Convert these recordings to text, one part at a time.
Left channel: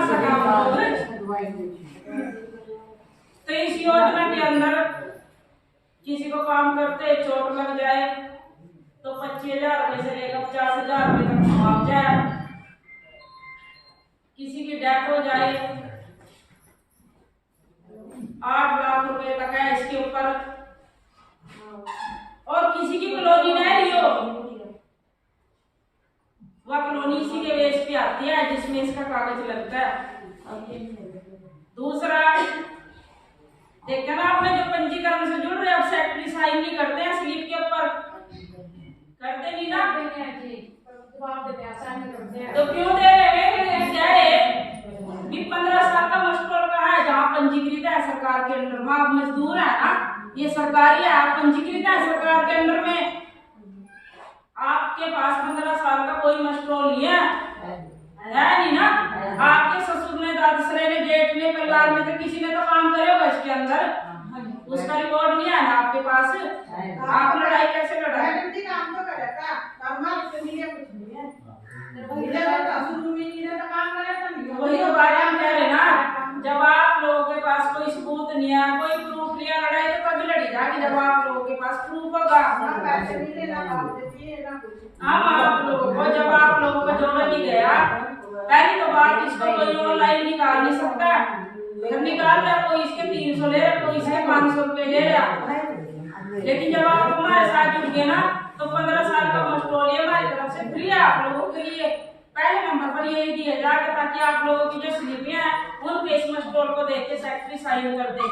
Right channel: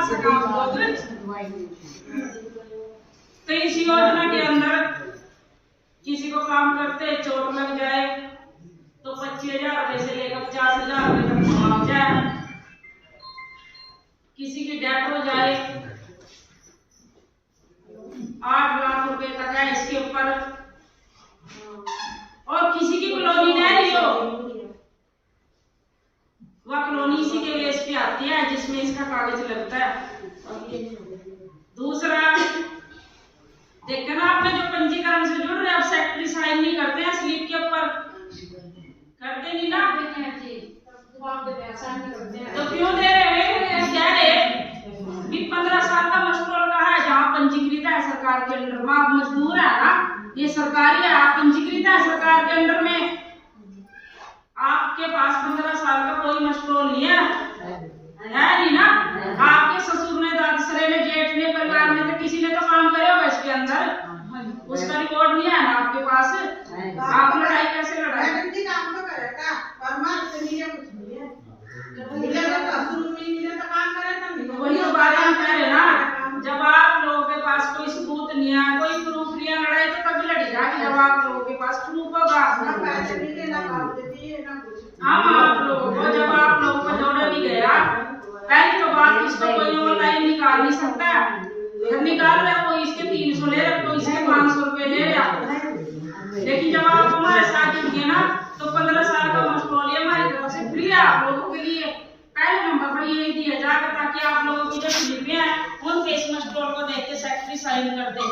कर सका हम लोग। तो इस योजना के अंदर किसी को काम करते चोट लग जाए तो 25,000 रुपए से लेकर 50,000 रुपए तक मुआवजा है। किसी की डेथ हो जाए 8 लाख रुपए तक है इसके ऊपर। और किसी की कॉलोनी नहीं रही हो, वह कॉलोनी इसी के बेस पे आती है जिसमें इसका कागज लगता है। दूसरा, देखा ना आपने जो पंजीकरण से जुड़ रहे, अब सेक्रेटरी साइन नहीं करते हैं स्लिप के ऊपर, करते नहीं ना, तो क्यों दे रहे हैं? कह रहे भी 15 साल का मजदूर का है जहाँ पंजीकृत है सरकार के अंडर में। आप मजदूर है ना, ये सरकारी है, आप पंजीकृत है सरकार के अंडर में, आपके पास 15 साल का कोई मजदूर नहीं है नहीं ना। आपके ससुर ने, दादसरे ने, जेठ ने, परिवार में तो किसी ने तो काम करे होगा इसके अंदर, उसका रिकॉर्ड नहीं है ना आपके पास। आप लड़ाई कैसे लड़ाई? काम तो करे था पर मार से नहीं है, कुछ नहीं है। मिले तो शुरू में मिले तो काम करे था नहीं। वही तो बात हम कह रहे ना, जब आप लोगों के पास कोई सबूत नहीं है, कोई प्रूफ नहीं है, लड़ाई तो तभी लड़ी जाएगी जब आप लोगों के पास प्रूफ होगा। पैसे नहीं देना, बात देती है ना कुछ। हम आप लोगों को, जब आप लोगों को जोड़ा नहीं गया, पहली तो बात, इसको कोई ऑनलाइन निकाल नहीं सकता। निकाल रहा कोई इसके 300 ले रहा, कोई इसके 500 रुपए ले रहा। लेकिन जब आप हमारे साथ जुड़ गए ना, तो 15 साल का मशरूम हमारी तरफ से फ्री है आप लोगों के लिए। पहले नंबर पर यही दिया जाएगा ताकि आप लोगों की जो स्लिपें हैं उनके इस मशरूम को देख के सेक्रेटरी साइन कर दे,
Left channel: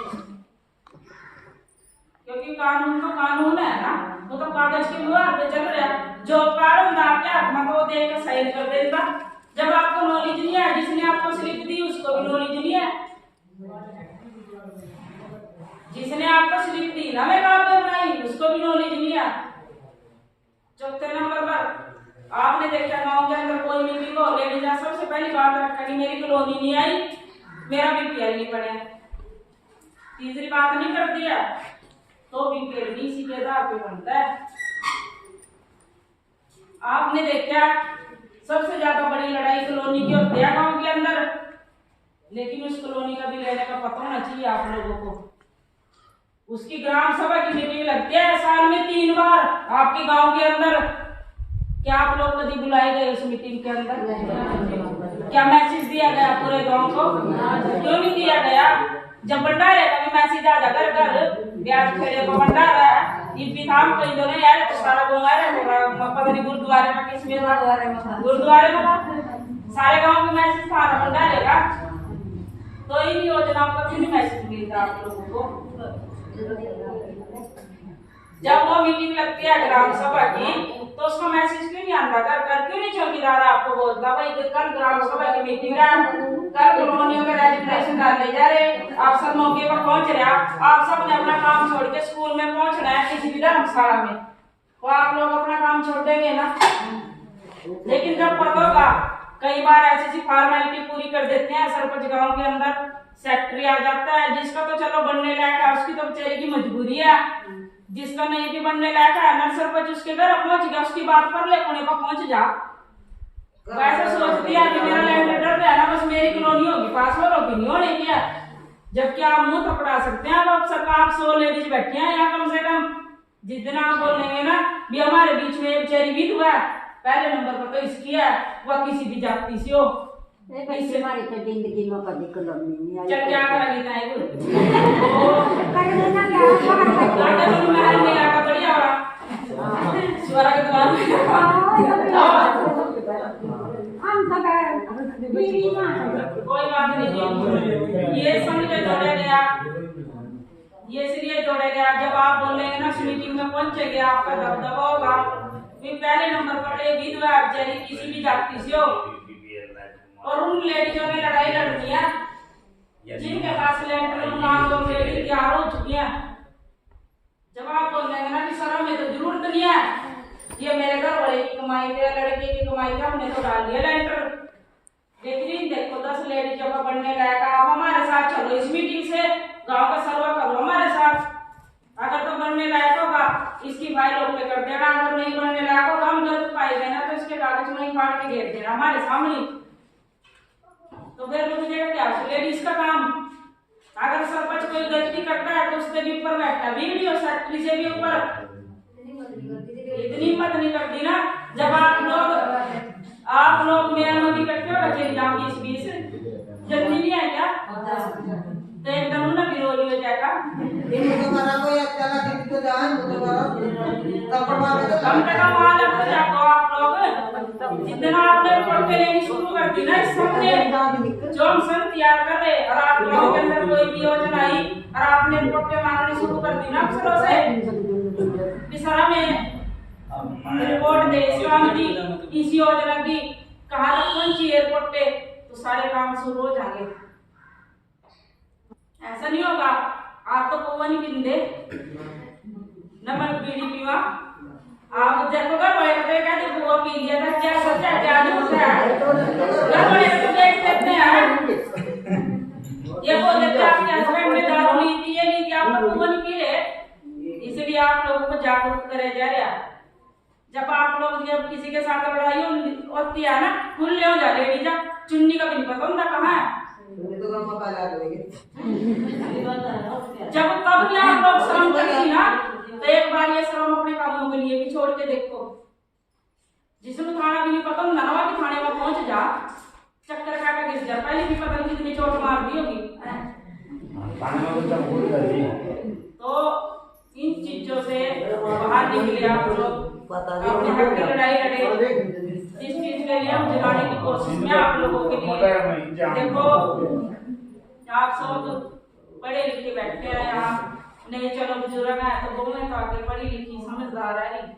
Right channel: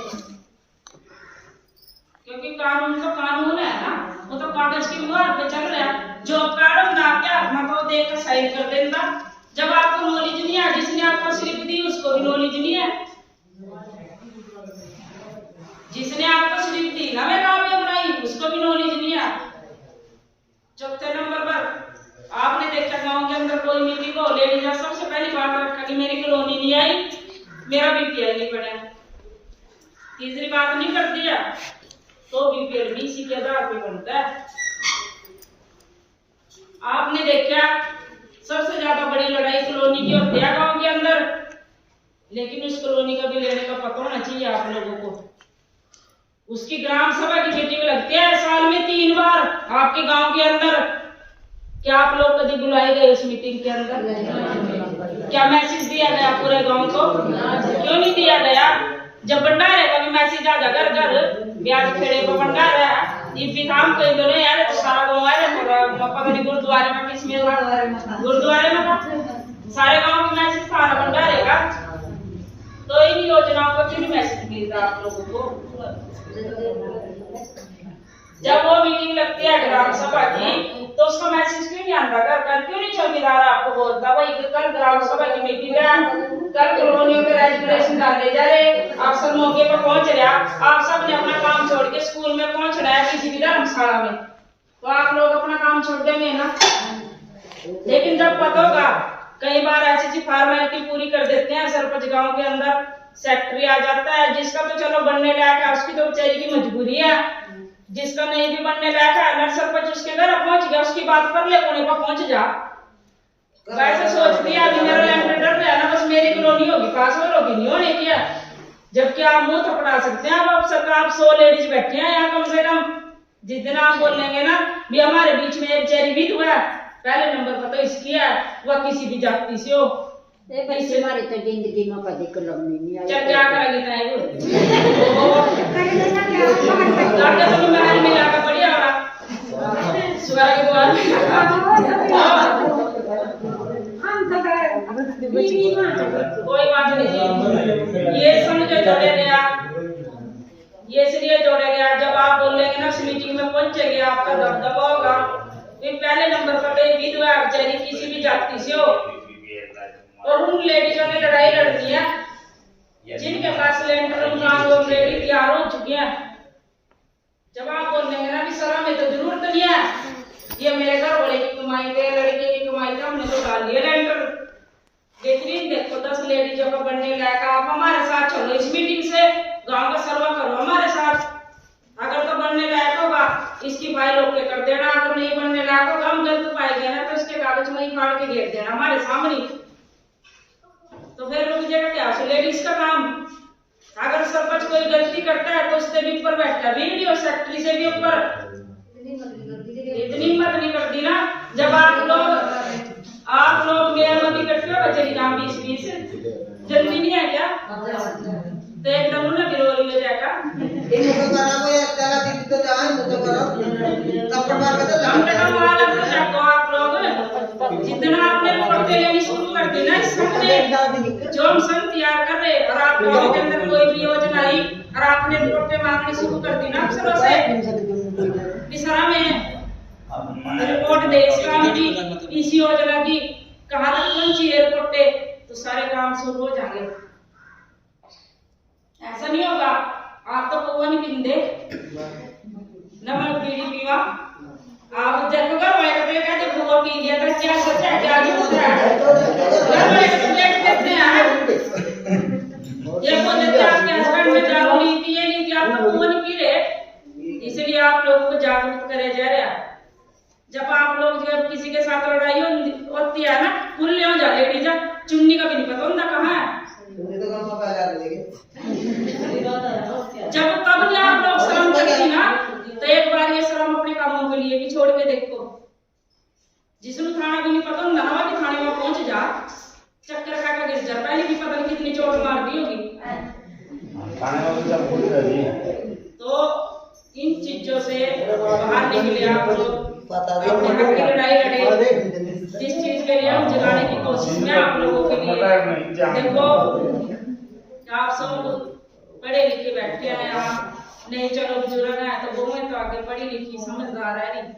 क्योंकि कानून तो कानून है ना, वो तो कागज की मुहर पे चल रहा है। जॉब कार्ड होगा आपके हाथ में तो देख के साइन कर देगा। जब आपको नॉलेज नहीं है, जिसने आपको स्लिप दी उसको भी नॉलेज नहीं है, जिसने आपको स्लिप दी ना मैं काम पे बनाई उसको भी नॉलेज नहीं है। चौथे नंबर पर आपने देखा गांव के अंदर कोई मीटिंग हो, लेडीज सबसे पहली बात रखा कि मेरी कॉलोनी नहीं आई, मेरा बीपीएल नहीं बना। तीसरी बात नहीं कर दिया तो बीपीएल भी इसी के आधार पे बनता है। आपने देखा सबसे ज्यादा बड़ी लड़ाई कॉलोनी की होती है गांव के अंदर, लेकिन उस कॉलोनी का भी लेने का पता होना चाहिए आप लोगों को। उसकी ग्राम सभा की मीटिंग लगती है साल में 3 बार आपके गांव के अंदर। क्या आप लोग कभी बुलाए गए उस मीटिंग के अंदर? क्या मैसेज दिया गया पूरे गांव को? क्यों नहीं दिया गया? जब भंडारे का भी मैसेज आ जा घर घर ब्याज खेड़े को भंडारा है, इफ्तिताम कई दोनों यार तो सारा गांव आ रहा है, पगड़ी गुरुद्वारे में, किसमें गुरुद्वारे में सारे गांव में मैसेज था ना भंडारे का। तो इन योजनाओं का क्यों मैसेज मिलता आप लोगों को? जब वो मीटिंग लगती है ग्राम सभा की तो उसका मैसेज क्यों नहीं आता? कर क्यों नहीं चौकीदार आपको बोलता भाई कल ग्राम सभा की मीटिंग है, कल कॉलोनियों में रेजुलेशन डालने जा रहे, आप सब मौके पर पहुंच रहे, आप सब ने अपना काम छोड़ के स्कूल में पहुंच रहा है किसी भी धर्मशाला में, तो आप लोग अपना काम छोड़ देंगे ना। लेकिन जब पता होगा, कई बार ऐसी फॉर्मेलिटी पूरी कर देते हैं सरपंच गाँव के अंदर, सेक्रेटरी आ जाता है, जिसका तो चलो बनने लायक है उसकी तो बेचारी की मजबूरी है, जिसका नहीं भी बनने लायक है नर सरपंच उसके घर पहुंच गया, उसकी बात कर ले, कोने पर पहुंच जा। वैसे सोच दिया कि मेरा लैंड डर रहा है ना, बस मेरी कॉलोनी होगी, पास और होगी, नहीं होने किया। जबकि आप मुंह थपड़ा सकते हैं। अब सरकार 100 लेडीज बैठी हैं यहाँ कम से कम, जिस दिन आप बोलेंगे ना भी हमारे बीच में एक बेचारी विधवा है, पहले नंबर पर तो इसकी है, वह किसी भी जाति से हो, हमारी तो जिंदगी में कभी कॉलोनी नहीं आई। चल क्या करेगी ताई वो लाके तो महल में लाका बढ़िया हो रहा स्वर्ग द्वार हम तो बीवी मां कोई बात नहीं, ये समझो जोड़े गया, ये इसलिए जोड़े गया जब आप बोलेंगे ना उस मीटिंग में पहुंचेंगे आपका दबदबा होगा। ये पहले नंबर पर विधवा बेचारी किसी भी जाति से हो, और उन लेडीजों ने लड़ाई लड़नी है जिनके पास लेंटर मकान ऑलरेडी तैयार हो चुकी है। जब आप बोलेंगे ना कि सर हमें तो जरूरत नहीं है, ये मेरे घर वाले की कमाई पे, लड़के की कमाई पे हमने तो डाल लिया लेंटर, लेकिन देखो 10 लेडीजों का बनने लायक, आप हमारे साथ चलो इस मीटिंग से, गांव का सर्वे करो हमारे साथ, अगर तो बनने लायक होगा इसकी फाइल ओके कर देना, अगर नहीं बनने लायक होगा हम गलत पाए गए ना तो इसके कागज वहीं फाड़ के घेर देना हमारे सामने, तो फिर लोग समझेगा क्या उसे लेडीज का काम। अगर सरपंच कोई गलती करता है तो उससे भी ऊपर बैठता, वीडियो सेक्रेटरी से भी ऊपर। इतनी हिम्मत नहीं करती ना। जब आप लोग मेयर में इकट्ठे हो बचे ना 20-20 जल्दी नहीं है क्या? तो एकदम ना बिरोली हो जाएगा। कम से कम अलग हो जाओ आप लोग। जितना आपने रिपोर्टें लेनी शुरू कर दी ना इस संघ ने, जो हम संघ तैयार कर रहे, और आप लोगों के अंदर कोई भी योजना आई और आपने रिपोर्टें मांगनी शुरू कर दी ना अफसरों से, इस तरह में रिपोर्ट दे इस काम की, इस योजना की, कहाँ तक पहुंची एयरपोर्ट पे, तो सारे काम शुरू हो जाएंगे। ऐसा नहीं होगा आप तो कौवा नहीं पिंदे नमक बीड़ी पीवा। आप देखो घर वाले कपड़े क्या देखो वो पी लिया था, क्या सच है क्या झूठ है, घर वाले तो देख देते हैं। ये बोल देते हैं आपके हस्बैंड में दारू नहीं पी, ये नहीं थी, आप तो कौवा नहीं पी रहे। इसलिए आप लोगों को जागरूक करे जा रहे हैं। जब आप लोग जब किसी के साथ लड़ाई होती है ना, खुल ले जा लेडी जा, चुन्नी का भी नहीं पता होता कहाँ है। जब तब आप लोग शर्म करती ना, तो एक बार ये शर्म अपने कामों के लिए भी छोड़ के देखो। जिसमें थाना भी नहीं पता ननवा भी थाने में पहुंच जा, चक्कर खा के गिर जा, पहले भी पता नहीं कितनी चोट मार दी होगी। तो इन चीजों से बाहर निकले आप लोग, अपने हक की लड़ाई लड़े। जिस चीज के लिए हम जगाने की कोशिश में आप लोगों के लिए, देखो आप सब पढ़े लिखे बैठे हैं यहाँ, नहीं चलो बुजुर्ग है तो वो में तो आगे पढ़ी लिखी समझदार है नहीं।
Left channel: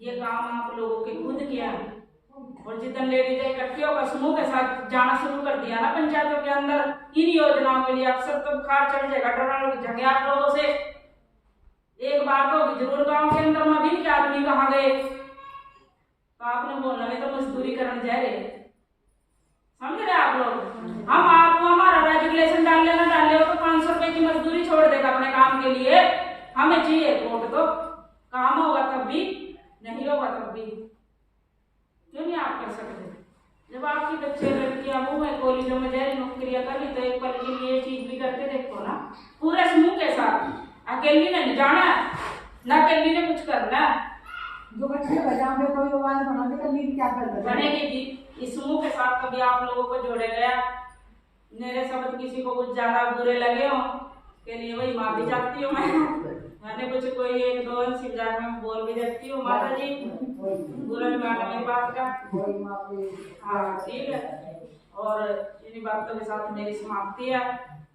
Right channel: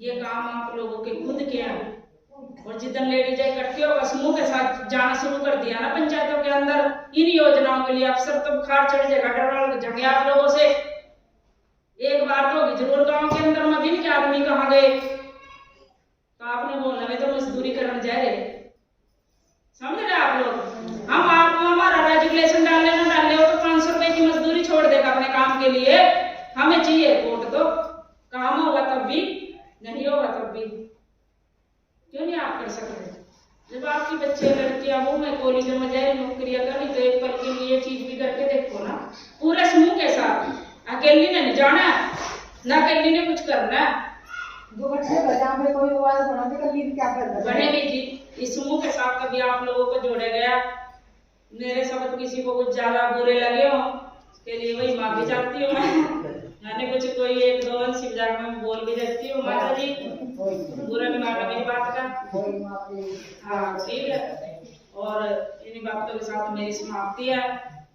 ये काम आप लोगों के खुद के हैं। और जितने लेडीज इकट्ठी होकर समूह के साथ जाना शुरू कर दिया ना पंचायतों के अंदर इन योजनाओं के लिए, अफसर तो बुखार चढ़ जाएगा, डर जगे आप लोगों से। एक बार तो होगी जरूर गांव के अंदर में दिन के आदमी कहाँ गए, तो आपने बोलना नहीं तो मजदूरी करने जा रहे, समझ रहे आप लोग। हम आपको हमारा रेजुलेशन डालने ना डाले हो तो 500 रुपए की मजदूरी छोड़ देगा अपने काम के लिए। हमें चाहिए वोट दो, काम होगा तब भी, नहीं होगा तब भी। क्यों नहीं आप कर सकते? जब आपकी बच्चे लड़कियां वो है कॉलेज में जा रही नौकरियां कर रही, तो एक पल के लिए चीज भी करके देखो ना, पूरे समूह के साथ। अकेली ने नहीं जाना ना, अकेली ने कुछ करना है। जो बच्चे बजाम में कोई आवाज बनाते कर ली क्या कर बनेगी जी। इस समूह के साथ कभी आप लोगों को जोड़े गया, मेरे शब्द किसी को कुछ ज्यादा बुरे लगे हो उसके लिए वही माफी चाहती हूँ मैंने कुछ कोई एक दो अंश जाकर मैं बोल भी देती हूँ, माता जी बुरा नहीं मानना मेरी बात का। हाँ ठीक है, और इन्हीं बातों के साथ मेरी समाप्ति है।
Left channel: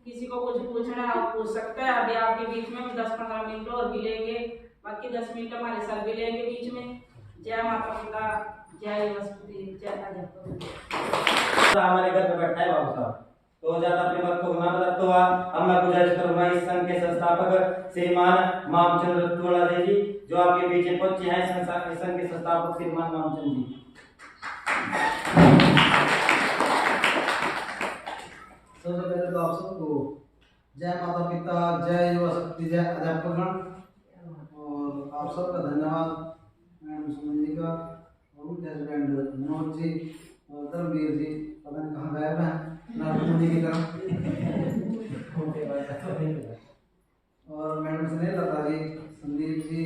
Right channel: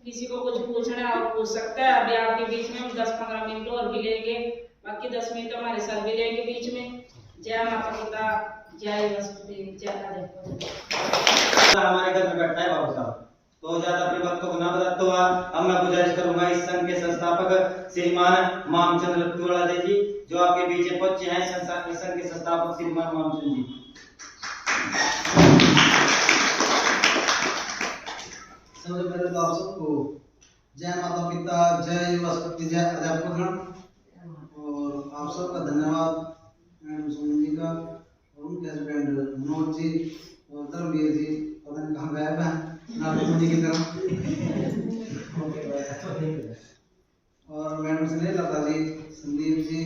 किसी को कुछ पूछना है वो पूछ सकता है। अभी आपके बीच में 10-15 मिनट और भी लेंगे, बाकी 10 मिनट हमारे सर भी लेंगे बीच में। जय माता पिता, जय वसुदेव, जय राधे। हमारे घर पे बैठा है बाबू साहब, तो ज्यादा अपने वक्तों को ना बताते हुआ अब मैं गुजारिश करूंगा इस संघ के संस्थापक श्रीमान मामचंद्र रतुवाला जी, जो आपके बीच पहुंचे हैं, संघ के संस्थापक श्रीमान मामचंद्र जी। सबसे पहले तो आप सबको जय माता पिता, जय युवा शक्ति, जय अध्यापकगण, और आप सबका धन्यवाद मैडम सुमन जी का, और उनके हस्बैंड मनोज जी और धर्मवीर जी, पता नहीं कहाँ गायब हैं नागपुर जी की तरह, और मैडम स्नेहलता जी, संदीप जी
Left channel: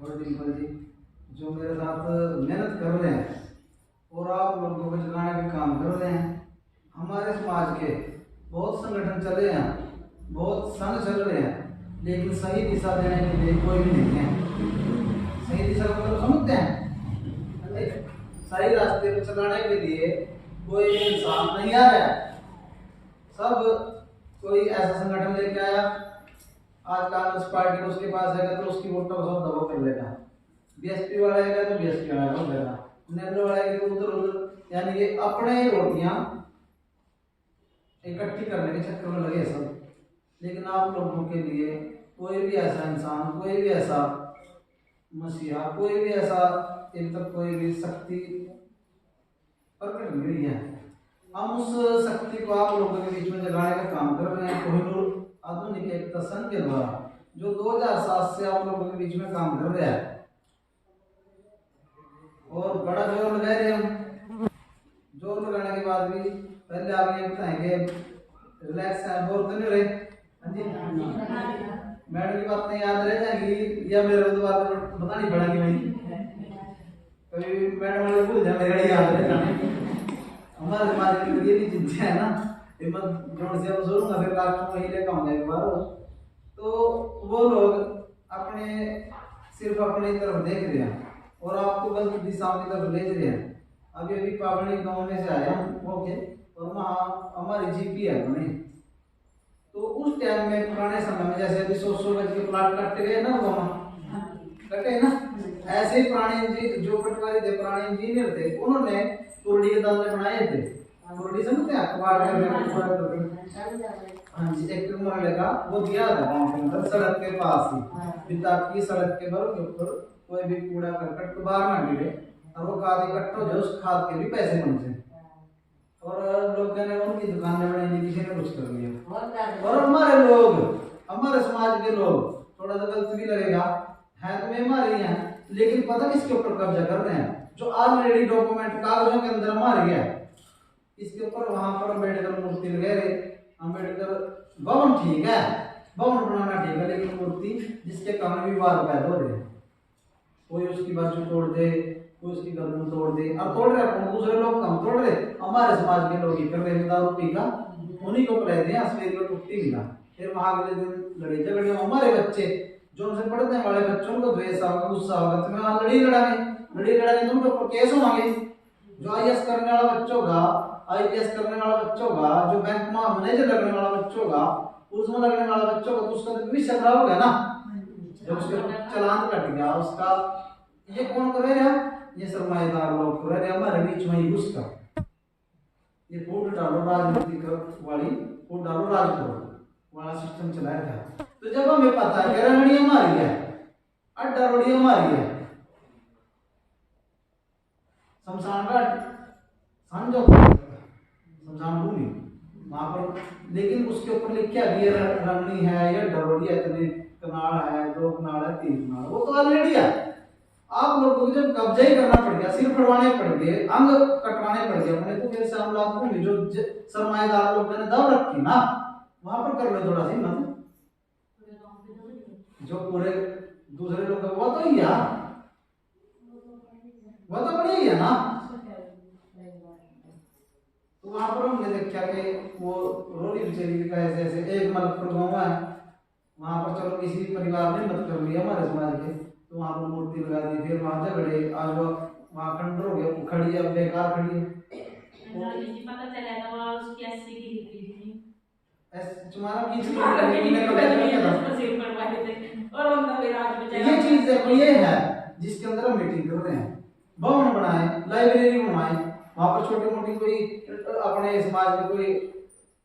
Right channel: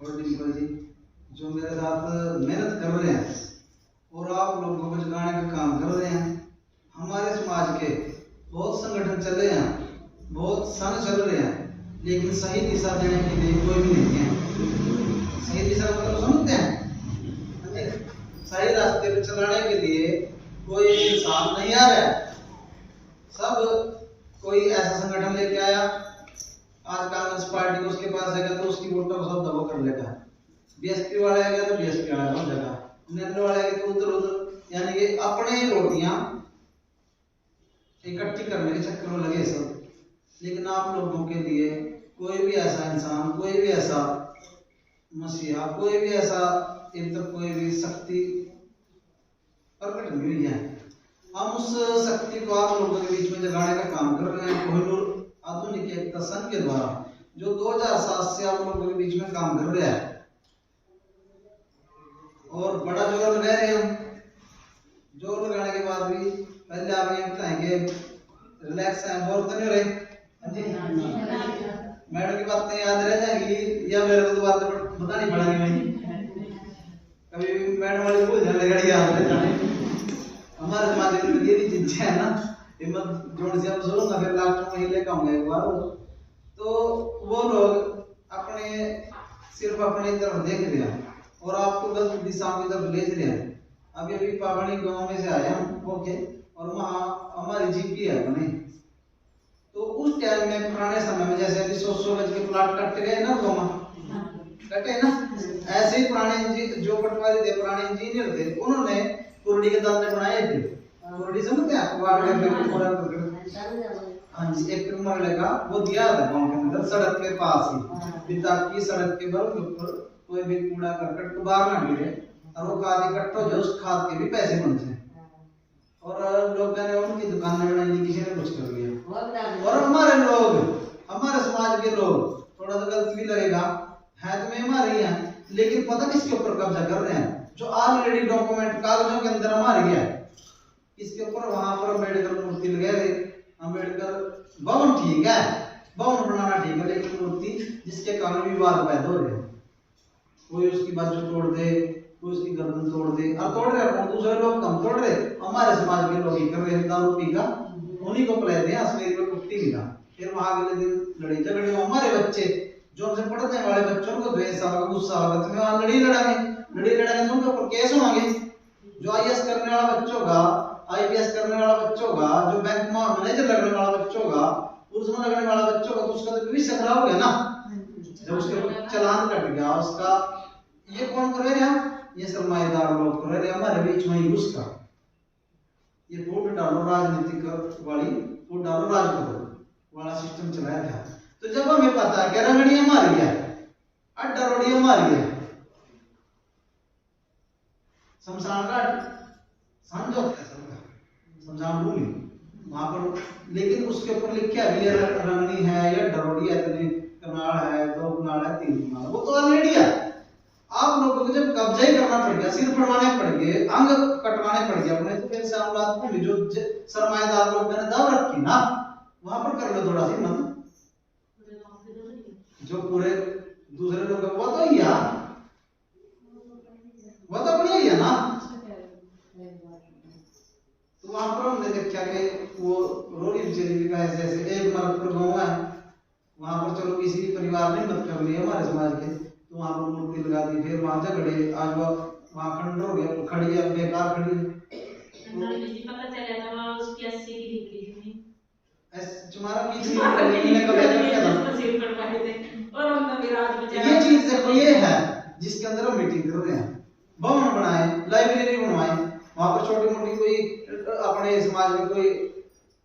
और डिम्पल जी, जो मेरे साथ मेहनत कर रहे हैं और आप लोगों को जगाने का काम कर रहे हैं। हमारे समाज के बहुत संगठन चल रहे हैं, बहुत संघ चल रहे हैं, लेकिन सही दिशा देने के लिए कोई भी नहीं है। सही दिशा मतलब समझते हैं, सही रास्ते पे चलाने के लिए कोई इंसान नहीं आ रहा है। सब कोई ऐसा संगठन लेके आया, आज कांग्रेस पार्टी उसके पास आएगा तो उसकी वोटों का सौदा वो कर लेगा, बीएसपी वाला आएगा तो बीएसपी वाला हो जाएगा, नेहरू वाला आएगा तो उधर उधर, यानी ये अपने रोटियां इकट्ठी करने के चक्कर में लगे सब। लेकिन आप लोगों के लिए कोई भी ऐसा इंसान, कोई भी ऐसा मसीहा, कोई भी ऐसा इन तक कोई भी शक्ति प्रकट नहीं हुई है। हम उस शक्ति को आप लोगों के बीच में जगाने का काम कर रहे हैं कोहिनूर आधुनिक एकता संघ के द्वारा, जो 2007 से आप लोगों के बीच में काम कर रहा है, और बड़ा जोर लगा रहे हैं हम। जोर लगाने के बाद भी पहले आप ये बताएंगे रिलैक्स हैं बोर तो नहीं रहे? हाँ जी मैडम की बातें याद रह जाएंगी या मेरे को दोबारा बतानी पड़ेगी भाई? कभी भी मैडम वाले भूल जाए मेरी गाड़ी याद रह जाने। हमारे समाज में ये भी चीजें है ना, हिम्मत जोड़ से अब जोरूंगा फिर लास्ट में ही लेकर आऊंगा एक बार। तो वो लोग अपने सिर्फ अपनी तरफ देख रहे हैं और आपको गलत दिशा की तरफ ले रहे हैं। अभी अभी पावनी गांव में से आए हम ओके, और वहाँ हमारी जीपी है बने। तो उस टाइम में पुराने समय में जैसे अभी 100 गज के प्लाट कटे गए ना गाँव कटे ना, ऐसे ही पुराने जो पटवारी थे पुराने इंजीनियर थे उन्होंने कुरडी के दाने बनाए थे। कुरडी समझते हैं आपको? हाँ जी, एक मरले का वो दिया था गाँव के अंदर सड़क के पास ही, ताकि सड़क के बल के ऊपर कोई भी कूड़ा करकट बाहर ना गिरे और वो खाद इकट्ठा हो जाए, उस खाद के भी पैसे बन जाए। और लोगों ने उनकी दुकानें बनाई, किसी ने कुछ कर लिया। और हमारे लोग, हमारे समाज के लोग, थोड़ा सा गलत भी लगेगा है तो मैं हमारे ही हैं, लेकिन पता किसके ऊपर कब्जा कर रहे हैं? जो ऑलरेडी डॉक्यूमेंट कागजों के अंदर हमारे गया इसके ऊपर। वहां पर अम्बेडकर मूर्ति लगे थे, अम्बेडकर भवन ठीक है, भवन बनाना ठीक है, लेकिन मूर्ति जिसके कारण विवाद पैदा हो रहे हैं, कोई उसकी बाजू तोड़ दे, कोई उसकी गर्दन तोड़ दे, और तोड़ रहे अपन दूसरे लोग कम तोड़ रहे, हमारे समाज के लोग ही कर रहे हैं। दारू पी का उन्हीं को पिला दिया, असली में कुट्टी मिला, फिर वहां अगले दिन लड़ी झगड़ी। हमारे बच्चे जो उनसे पढ़ने वाले बच्चों को द्वेष होगा, गुस्सा होगा, तो मैं वहां लड़ी लड़ाएंगे तो उनके ऊपर केस होंगे। जो आईएएस करने वाला बच्चा होगा, आईपीएस करने वाला बच्चा होगा, जो बैंक में मैनेजर लगने वाला बच्चा होगा, पुलिस में लगने वाला बच्चा होगा, तो उसका तो भविष्य खराब हो गया ना। जब उसके चालान कट गया उसका, ये कौन कर रहे हैं? ये सरमाएदार लोग कर रहे हैं हमारे बीच में ही घुस कर। ये फूट डालो राजनीतिक वाली, फूट डालो राज करो वाला सिस्टम चलाया गया। तो जब हमें पता है कि रंगड़ी हमारी है, अड्डा रोड़ी हमारी है, शमशान घाट समझो, शमशान भूमि वहां पर, लेकिन उसके ऊपर लिखा भी है रंगनी है या डरोड़ी है, इतने कनाल है, 2 कनाल है, 3 कनाल, वो तो ऑलरेडी है। आप लोगों को जब कब्जा ही करना पड़ गया, सिर फड़वाने पड़ गए, अंग कटवाने पड़ गए अपने, तो फिर सामलात भूमि जो सरमाएदार लोग ने दाव रखी ना, वहां पर कर लो थोड़ा सी मत, जो पूरे दूसरे लोग वो तो ही है, वो तो बढ़िया ही है ना। तो वहां पर हमने देखा कि वो रोड़ी बिचेरी का ऐसे ऐसे एक मलकपुर गाँव है, वहां पर चलो किसी भी परिवार ने मत कर लिया हमारे समाज के, तो वहां पर मूर्ति लगा दी, फिर वहां झगड़े, आज वहां खंडर हो गया, खड़ी है बेकार खड़ी है। पता चला था वहां उसकी 80 की थी तुम्हारा बीच में कब किया था? और उनका विराट बेचारा ये चीज देखो, ये है जिसके अंदर हम मीटिंग कर रहे हैं, भवन बनाए, लाइब्रेरी बनवाए, वहां पर छोटी मोटी कोई अपने समाज में कोई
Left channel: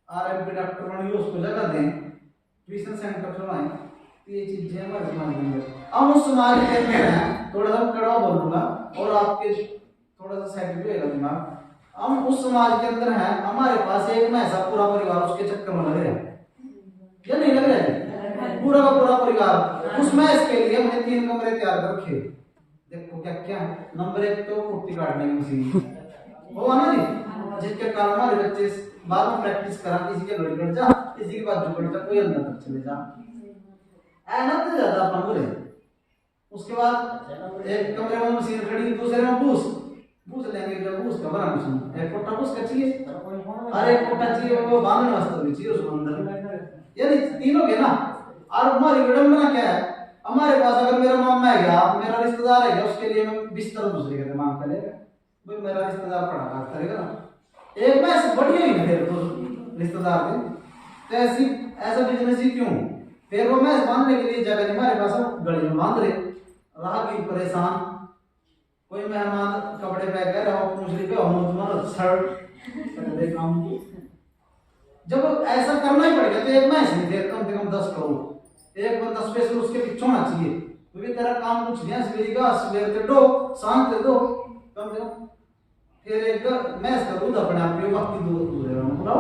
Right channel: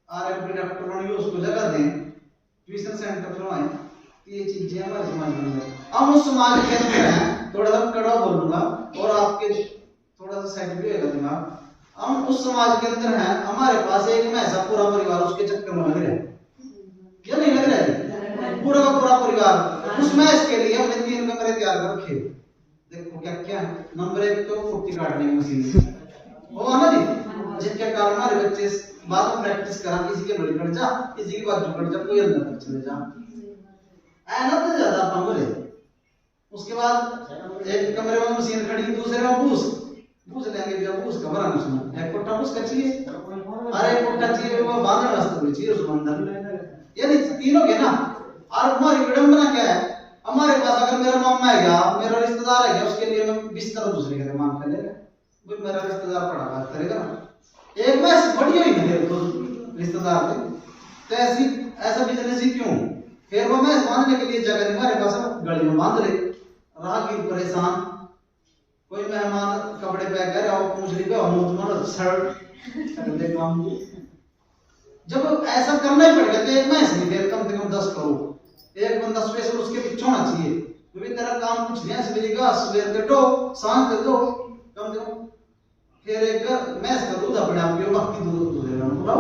आरएमपी डॉक्टर बनी हो उसको जगह दें, ट्यूशन सेंटर बनवाएं। ये चीजें हमारे समाज में हम उस समाज के अंदर हैं। थोड़ा सा कड़ा बोलूंगा और आपके थोड़ा सा साइड भी होगा दिमाग। हम उस समाज के अंदर हैं, हमारे पास एक में ऐसा पूरा परिवार उसके चक्कर में लग रहा है या नहीं लग रहा है? पूरा का पूरा परिवार उस मैच के लिए हमने 3 कमरे तैयार कर रखे। देखो क्या क्या है। नंबर 1 तो कुट्टी काटने की मशीन वो है ना जी, जिसके कारण हमारे बच्चे बाद में प्रैक्टिस करा, किसी के बड़ी कट जा, किसी की बाजू कट जा, कोई अंदर तक चले जा, ऐना तो ज्यादा अपन बोले। उसके बाद एक कमरे में मशीन खड़ी, दूसरे में बूस लेंगे, जब बूस का बड़ा मशीन, एक कोट्टा बूस का चाहिए, अरे कोट्टा चाहिए वो बांधने वास्ते भी चाहिए उस अंदर, यानी तीनों के ना। और हमारी विडंबना क्या है, हमारे पास अगर मेरा मामा है गया, मेरा रिश्तेदार है गया, उसके लिए मैं बिस्तर दूसरे के मांग कर लेगा, भाई मेरा रिश्तेदार पड़ा बात करेगा ना, एक मैं बड़ी हुई ना मेरे तो रिश्तेदार थे, तो ऐसा बिजनेस ही क्यों? फिर वो मैं बांधने के लिए जगह नहीं हमारे पास, गली में बांध रहे, राहगीर परेशान, कोई मेहमान कपड़े पैक कर रहा हो, पूंछड़ी पे हो तुम्हारा शर्ट देखा। जब ऐसा करना ही पड़ गया तो एक मैं नहीं दे, कम से कम 10 करो, एक बंदा स्पेशल उसके पीछे होना चाहिए, क्योंकि तेरा काम कुछ नहीं है, सवेर कर दो, शाम कर दो, कम से कम। फिर एक मैस का दूध अपने आप पियो, बाकी दूध देना पूरा,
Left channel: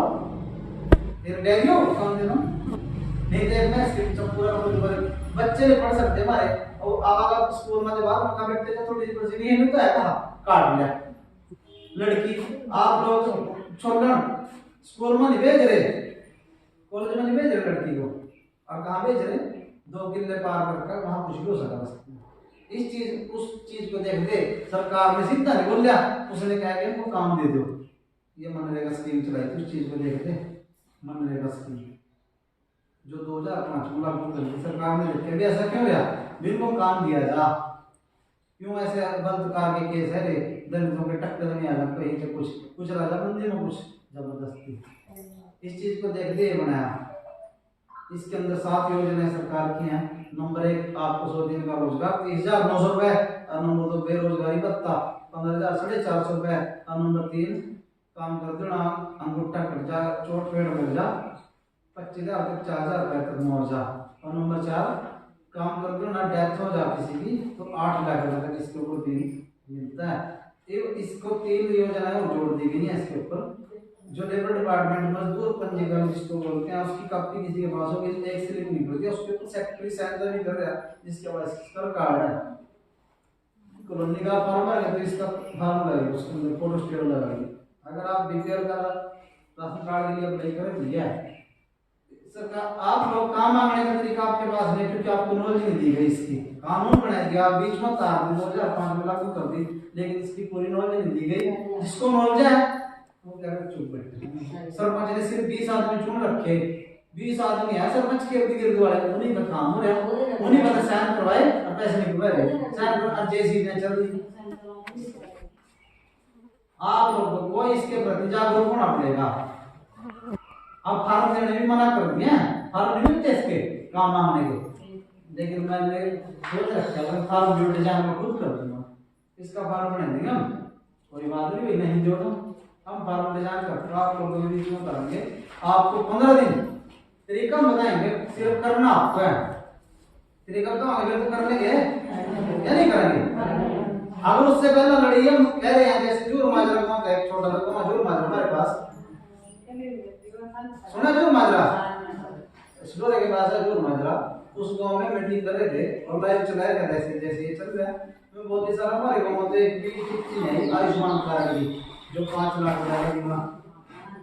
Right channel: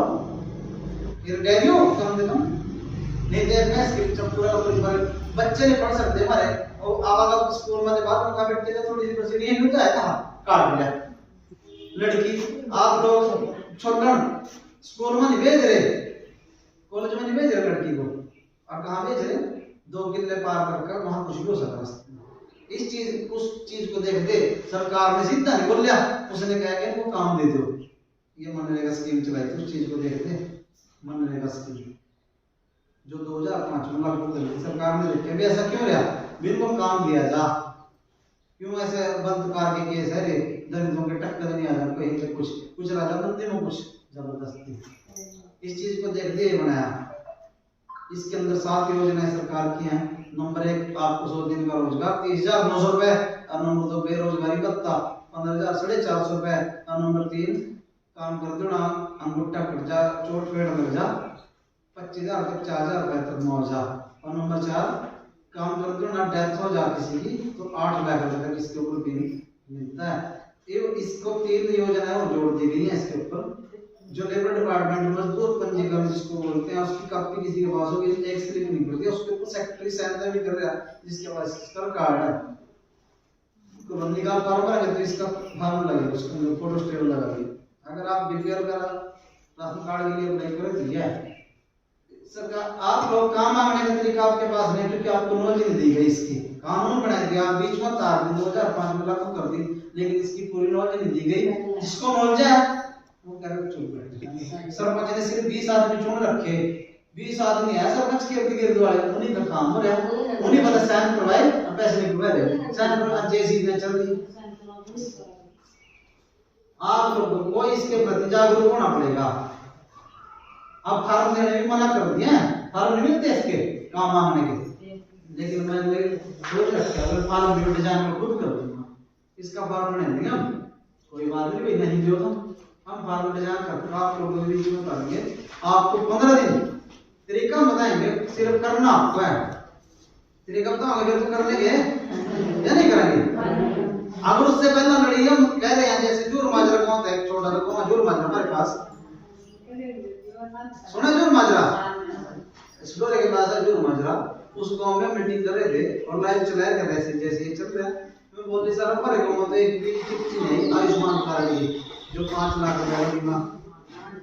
फिर डेयरी हो कम से कम, नहीं तो मैस के पीछे पूरा बच्चे नहीं पढ़ सकते हमारे। और आवागा स्कूल में बाहर का बेटे का थोड़ी सी नहीं तो है कहा काट लिया लड़की। आप लोग छोड़ना स्कूल में नहीं भेज रहे, कॉलेज में नहीं भेज रहे लड़की को, और कहाँ भेज रहे 2 किले पार करके वहाँ कुछ भी हो सकता। इस चीज उस चीज को देखते सरकार ने सीधा नहीं बोलिया, उसने कहा कि इनको काम दे दो, ये मनरेगा स्कीम चलाई थी। उस चीज को देखते मनरेगा स्कीम जो 2005 में लागू करी सरकार ने, देखे भी ऐसा क्यों रहा, बिल्कुल काम दिया जा, क्यों ऐसे बलात्कार के केस है रे, दलितों के टक्कर नहीं आ जा, कहीं पे कुछ राजा मंदिर में कुछ जबरदस्ती। इस चीज को देखते ही बनाया। इसके अंदर 7 योजनाएं सरकार की हैं। नंबर 1 आपको 100 दिन का रोजगार 30,900 रुपए, और नंबर 2 बेरोजगारी भत्ता 15,450 रुपए, और नंबर 3 काम करते हो ना अंगूठा कट जा, चोट पेड़ लग जा 25,000 तक 4,000 रुपए तक मुआवजा, और नंबर 4 काम करते हो ना डेथ हो जा किसी की तो 8 लाख रुपए तक इसके ऊपर भी मिलता है। इसको 3 योजनाएं और जोड़ दी गई है इसके ऊपर। जो लेबर डिपार्टमेंट मजदूर पंजीकरण जिसको बोलते हैं, उसकी कॉपी किसी के पास होगी, एक स्लिप निकलती है, उसके ऊपर सेक्रेटरी साइन भी कर रहा है जिसके पास इसका कार्ड है, कॉलोनी का फॉर्म है तो इसका फॉर्म लगेगा, उसके अंदर फोटो स्टेट लगाइए। अगर आप बीपीएल का राशन कार्ड के लिए अप्लाई करें तो यह है सरकार। आप लोग काम मांगने का तरीका आपके पास नहीं, क्योंकि आपको नॉलेज नहीं दी गई इसकी। कानून बना दिया बीच में तार दी 2005 में लागू कर दी, लेकिन इसकी पूरी नॉलेज नहीं दी गई। जिसको नॉलेज है वो कह रहे चुप बैठे। सरपंच ने सिर्फ 20 आदमी चुन रखे, 20 आदमी है सरपंच के इर्द गिर्द वाले, उन्हीं का काम हो रहा है, उन्हीं पता साइन करवाए और पैसे निकलवा रहे, साइन करवा जेसीबी में चल रही। आप लोगों को इसके प्रति जागरूक होना पड़ेगा। अब फार्म देने भी मना कर दिए हैं, फार्म नहीं मिलते इसके काम मांगने के, लेकिन मैंने सोच रखा है मैं फार्म जो डिजाइन में खुद कर दूंगा, इसका फार्म बना देंगे हम, कोई बात नहीं, नहीं जो हम फार्म डिजाइन करके आप लोगों को भी करेंगे। आपको 15 दिन तरीका बताएंगे, सिर्फ करना आपको है। तरीका बताओगे फिर तो कर लेंगे या नहीं करेंगे। अगर उससे पहले लड़ी हम कह रहे हैं जैसे जूर माजरा गांव था, एक छोटा सा गांव जूर माजरा हमारे पास, सुना जूर माजरा स्टोरी के पास है जूर माजरा। उस गांव में मीटिंग कर रहे थे और लाइव चलाया कर रहे थे, जैसे ये चल रहा है मैं बोलते सर हमारे गांव में तो एक भी चिट्ठी नहीं आयुष्मान कार्ड की जो 5 लाख रुपए की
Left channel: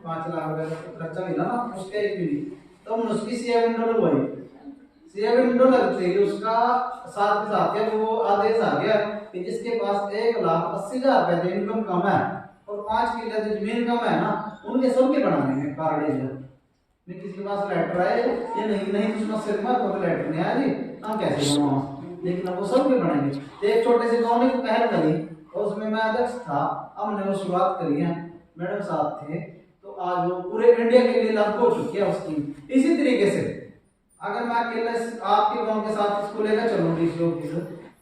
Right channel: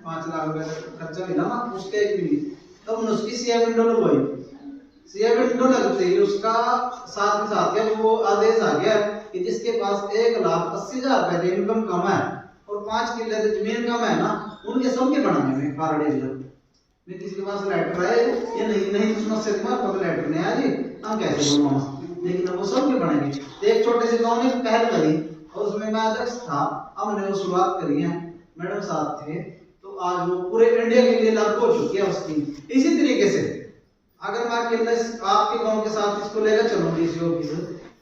5 लाख रुपए खर्चा मिला ना, उसका एक भी नहीं। तो हमने उसकी सीए विंडो लगवाई, सीए विंडो लगते ही उसका साथ के साथ क्या वो आदेश आ गया कि जिसके पास 1,80,000 रुपए इनकम कम है और 5 किले जमीन कम है ना, उनके सबके बनाने में कार्ड एरिया में किसी के पास लेटर आए ये नहीं समस्या के बाद कोई लेटर नहीं आया जी हम कैसे बनवाओ, लेकिन वो सबके बनेंगे। एक छोटे से गांव में पहल करी और उसमें मैं अध्यक्ष था, हमने वो शुरुआत करी है, मैडम साहब थे, तो आज वो पूरे इंडिया के लिए लागू हो चुकी है उसकी। इसी तरीके से अगर मैं अकेले आपके गांव के साथ इसको लेकर चलूँ डीसी ऑफिस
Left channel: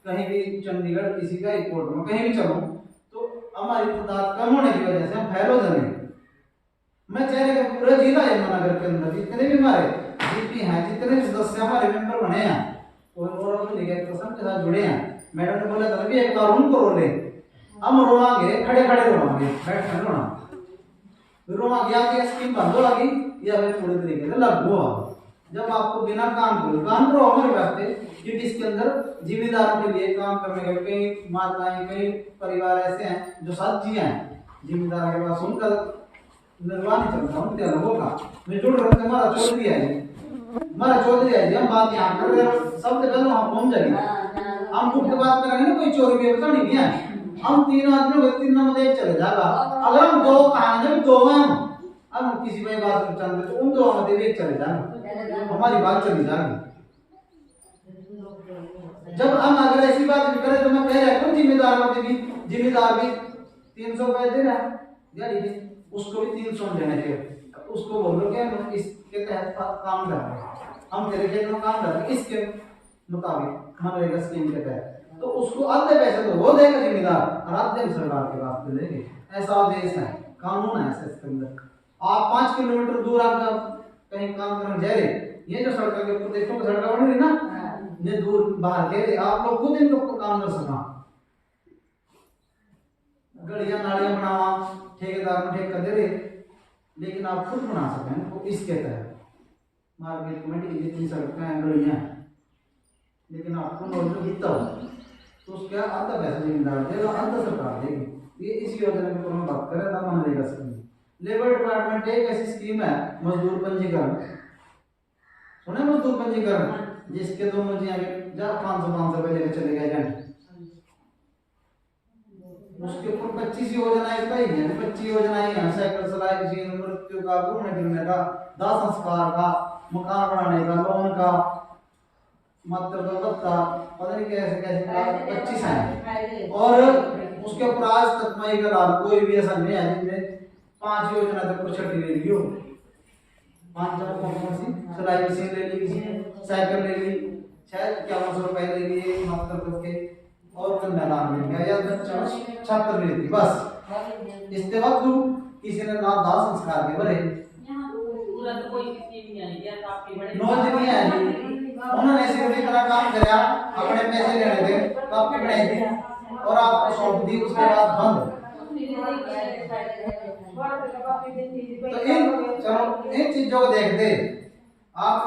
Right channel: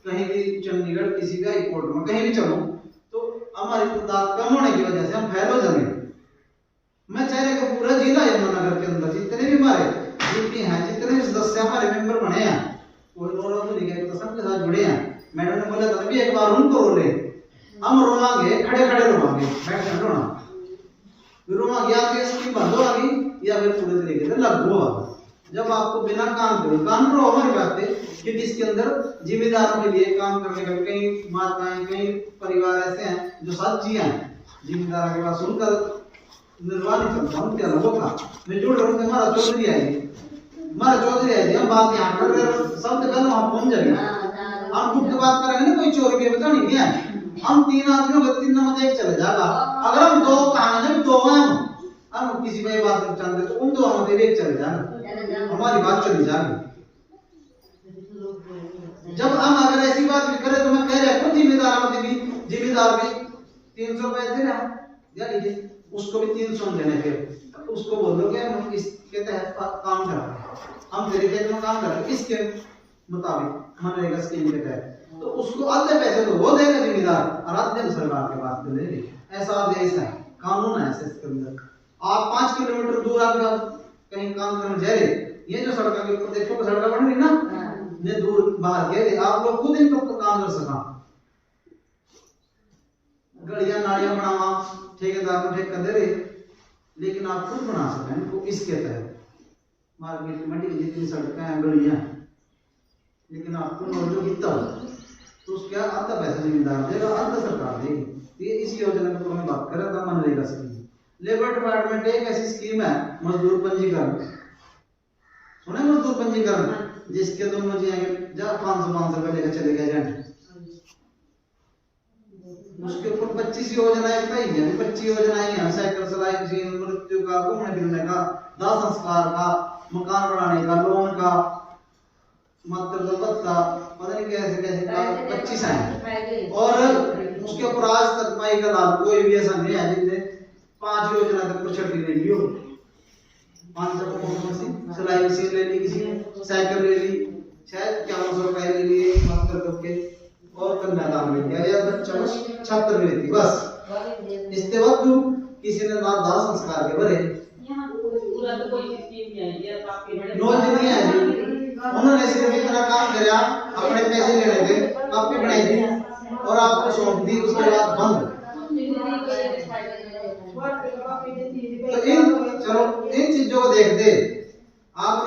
कहीं भी चंडीगढ़ किसी भी हाई कोर्ट में कहीं भी चलूँ तो हमारी तादाद कम होने की वजह से हम फैल हो जाएंगे। मैं चाह रहा पूरा जिला यमुनानगर के अंदर जितने भी हमारे जीपी हैं, जितने भी सदस्य हमारे मेंबर बने हैं और के साथ जुड़े हैं, मैडम ने बोला था भी एक बार उनको रोले, हम रोवांगे खड़े खड़े रोवांगे, बैठ कर रोना रोवांगे आपकी स्कीम बंद हो गई या फिर पूरे तरीके से लागू होगा। जब आपको बिना काम करो हमारी बात है, क्योंकि इसके अंदर जिम्मेदारों के लिए काम करने का कई माताएं कई परिवार ऐसे हैं जो साथी हैं जिम्मेदारों के पास उनका निर्वाह नहीं चलता, उनके अनुभव का मैं जुड़ रहा हूँ। हमारा चौधरी आई हम बात यहाँ कर रहे हैं, शब्द पहले वहाँ पहुँच जाएंगे, हम खुद बात करेंगे ना कोई चोरी में बता नहीं दिया, हम 3 आदमियों को 3 नंबर एक चले जाएगा। अगर हम 2 कहानी में 2 हम किसी भाई बात कर चाहते तो उन 2 में एक चले जाएगा, हमारी बात चली जाएगी। जब हम अगर ऐसी बात भी करें तो मैं कह रहा हूँ जिम्मेदार भी 300 रुपए दे रहा है दिहाड़ी के, उसको भी 300 देने के, उसको बोल दो कि इसके तहत काम कर रहे हैं, हम तेरे खेत में काम कर रहे हैं इसके मुताबिक मनरेगा स्कीम के तहत, तो उसको आधे पैसे तो वो देगा जिम्मेदार और आधे सरकार के पास तो लेंगे। ऐसा देश है, कानून है ऐसे इसके अंदर। आप 5 किलोमीटर दूर आप कहीं काम करने जा रहे, ये जो सड़क के ऊपर देखो सड़क बन रही ना, ये दूर बाहर गए आप लोग खुद इनको काम कर सका, गलियां नालियां बनावा ठेकेदार को ठेका दे रहे, लेकिन आप खुद बना सकें इनको इसके तहत मार्केट कमेटी की जितनी सड़कें हैं गलियां, लेकिन आपको मौजूद कितना तो उसका आधा पैसा जिम्मेदार देगा, आधा सरकार देगी। ये इस योजना की हम बात कर रहे थे मनरेगा स्कीम। लेबर डिपार्टमेंट एक ऐसी स्कीम है मजदूर पंजीकरण, सुने मजदूर पंजीकरण, जिसके दोनों जी आगे जा 500 रुपए लेकर चले गए जाने, उसके ऊपर 25 योजनाएं बताई हैं। 25 योजनाएं हैं, साइकिल सिलाई मशीन, मृत्यु का, घूमने फिरने का, दाह संस्कार का, मकान बनाने का, लोन का, मातृत्व भत्ता, पता नहीं कैसे कैसे 25 हैं। और उसके ऊपर आज तक मई का लाभ कोई भी ऐसा नहीं है जिसने 5 योजना तक को छठी ले ली हो। 5 सिलाई मशीन ले ली, किसी ने साइकिल ले ली, शायद 5100 रुपए ले लिए मातृत्व के, और कन्यादान ले लिया, या छात्र ले ली बस। इसके बाद किसी ने ना दाह संस्कार के भरे पूरा तो कोई स्कीम नहीं आई है, काफी बड़े नौ जितनी है, उन्होंने सिर्फ इतना काम किया, अपने पैसे लेने थे, कॉपी बनाई थी और आपको सौंप दी, उसके बाद बंद। तो इन चीजों को देखते आप